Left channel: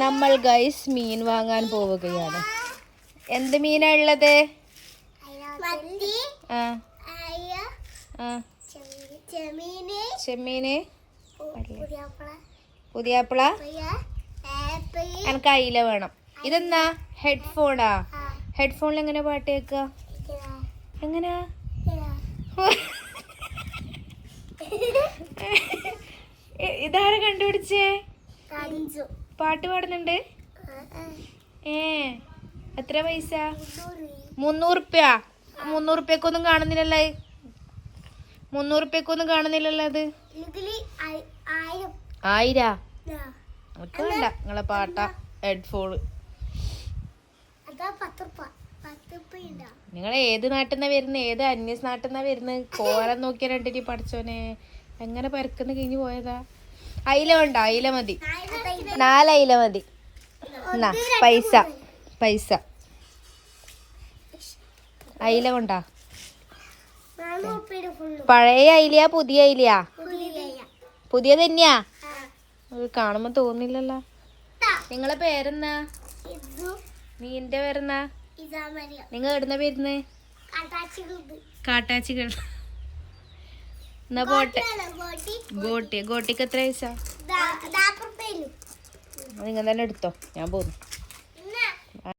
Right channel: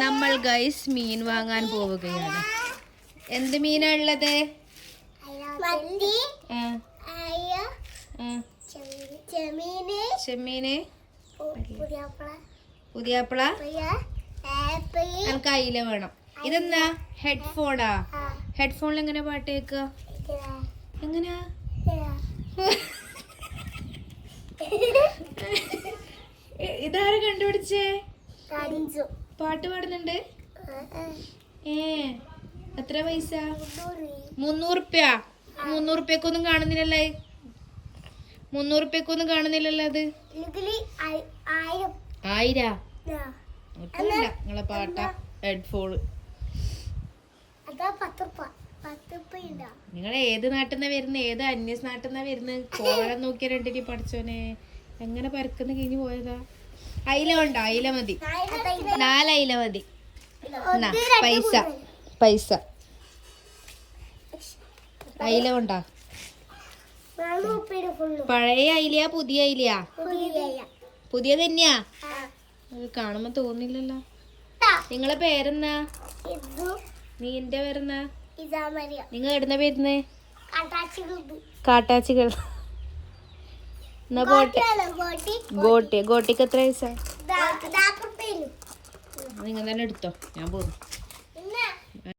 നമ്മൾ ഗൈസ് മീൻ വാങ്ങാൻ പോവുകയാണ്. എന്ത് മീനാ ഉള്ളത്? ചെമ്മീന്, പുതിയാപ്പിള, എനിക്ക് അയില വേണം. ഇതെന്നാ? ഹെഡ്ഫോണാ? ഹെഡ്ഫോണിൽ എങ്ങനെ പാട്ട് കേൾക്ക? എങ്ങനെയാ? ഇതാരെ കണ്ടുപിടിച്ചേ? പാട്ട് പാടുന്നുണ്ട്. എത്ര പൈസ? 300 റുപ്യ. 300 റുപ്യക്കൊന്നും കാണുന്നില്ലല്ലോ. 300 റുപ്യക്കൊന്നും കാണുന്നില്ലല്ലോ. അത് 1000. വേണ്ട നിങ്ങളെ പാട്ട ഹെഡ്ഫോൺ. നിങ്ങൾ ഏത് നാട്ടിൽ നിന്നാ വരുന്നത്? ഏത് അന്യ നാട്ടിൽ നിന്നാ വരുന്നത്? കോലം നോക്കിയ രണ്ടിനി പഠിച്ചോനെ എങ്ങനെ പരക്കുന്ന കഴിഞ്ഞു പോയതാ. അയില വേണ്ട, അയില മതി. 4 അയില മതി. പൈസ പൈസ അയില കൊണ്ടാ. പഴയ അയിലയാ പുതിയ അയിലയാ? പുതിയ തന്നെയാ. കാണുമ്പോ തോന്നില്ലല്ലോ. നിങ്ങളെ പേരെന്നാ? നീന്റെ പേരെന്നാ? നിങ്ങൾ എവിടുന്ന പേരുന്ന്? കാട്ടാച്ചികൾ. എന്നാ പോട്ടെ. ഗോട്ടിക്ക് എത്ര പൈസ? നിങ്ങൾ തന്നെ എടുത്തോ, ഞാൻ പോന്നു.